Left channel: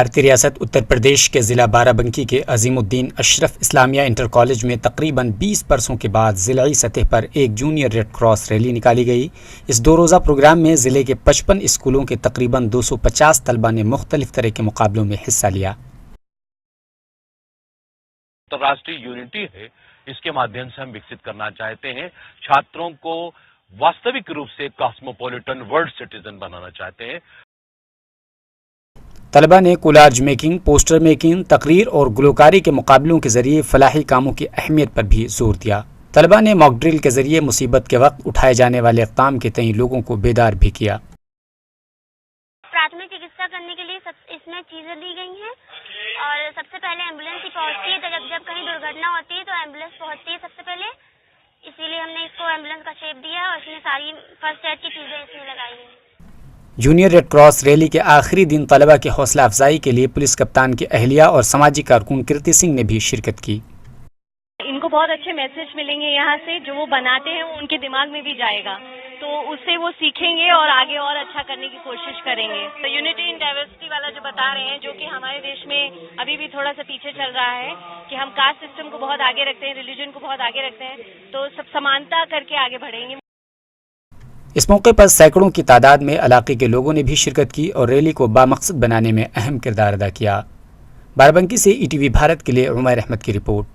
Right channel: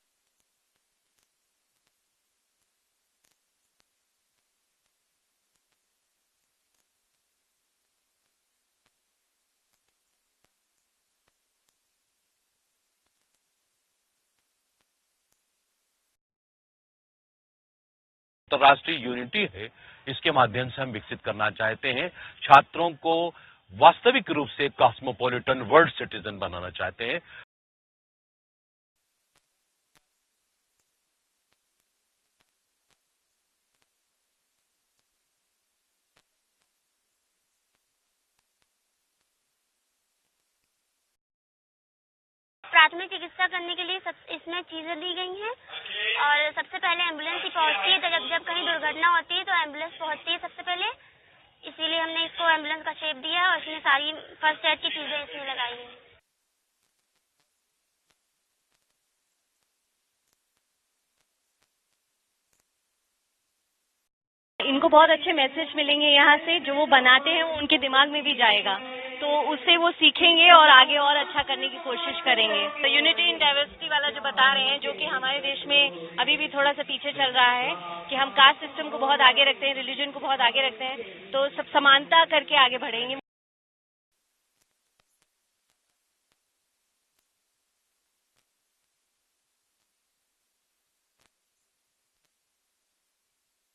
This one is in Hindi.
भारतीय रियासत उत्तर प्रदेश के ज़िला बाराबंकी के अजीमुद्दीन अशरफ इस्लामिया इंटर कॉलेज में तकरीबन 20 बरसों के बाद ज़िलाई सतह पर एक जूनियर रेड क्रॉस रैली निकाली गई। इस 2 रोज़ा प्रोग्राम में ज़िले के 55 स्कूलों के तकरीबन 250 तलबा ने मुख्तलिफ तरह के मुकाबलों में हिस्सा लिया। अंतर्राष्ट्रीय यूनिटी है, इसके माध्यम से हम विकसित करना चाहते हैं। छात्रों को वास्तविक रूप से कॉस्मोपॉलिटन वर्ल्ड सिटीजन बनाना चाहते हैं। तलबा ने कोलाज मेकिंग, पोस्टर मेकिंग, तकरीर और गुलकारी के मुकाबलों के जरिए फलाही कामों की अहमियत पर भी जोर दिया। तलबा ने मॉक ड्रिल के जरिए मुसीबत के वक्त उठाए जाने वाले इक़दाम के तई लोगों को बेदार भी किया। प्राथमिक चिकित्सा करने के लिए इसमें चीजें दी गई हैं और सबसे पहले एम्बुलेंस ही पहुंचती है। तो जब कहीं दुर्घटना होती है तो एम्बुलेंस पहुंचती है सबसे पहले, इसीलिए हमने इसको एम्बुलेंस का शेप दिया और इसमें सारी फर्स्ट एड की चीजें इसमें लगाई हैं। जूनियर रेड क्रॉस रैली के आखिरी दिन तलबा की हौसला अफजाई के लिए पुलिस कप्तान की अहलिया और समाजी कारकुन कीर्ति सिंह ने भी शिरकत की। इनको बहुत अच्छे मैसेज मिलेंगे यहाँ से, जो वो बनाते हैं वो उनके दिमाग में भी जाएगा, तो उससे वो सीखेंगे और आगे और अच्छा करने की कोशिश करेंगे। तो यूनिटी इन डाइवर्सिटी वाला जो बता रहे हैं, जो कि हमारे देश में अभी भी थोड़ा सा पीछे चल रहा है कि हम कास्ट सिस्टम को बहुत आगे रखते हैं, रिलीजन को बहुत आगे रखते हैं, तो सब समानता करके आगे बढ़ेंगे। इस मौके पर सैकड़ों की तादाद में इलाके के लोगों ने भी शिरकत की और रैली को बामकसद बनाने में अहम किरदार अदा किया। बाराबंकी से ईटीवी भारत के लिए उमैर अहमद की रिपोर्ट।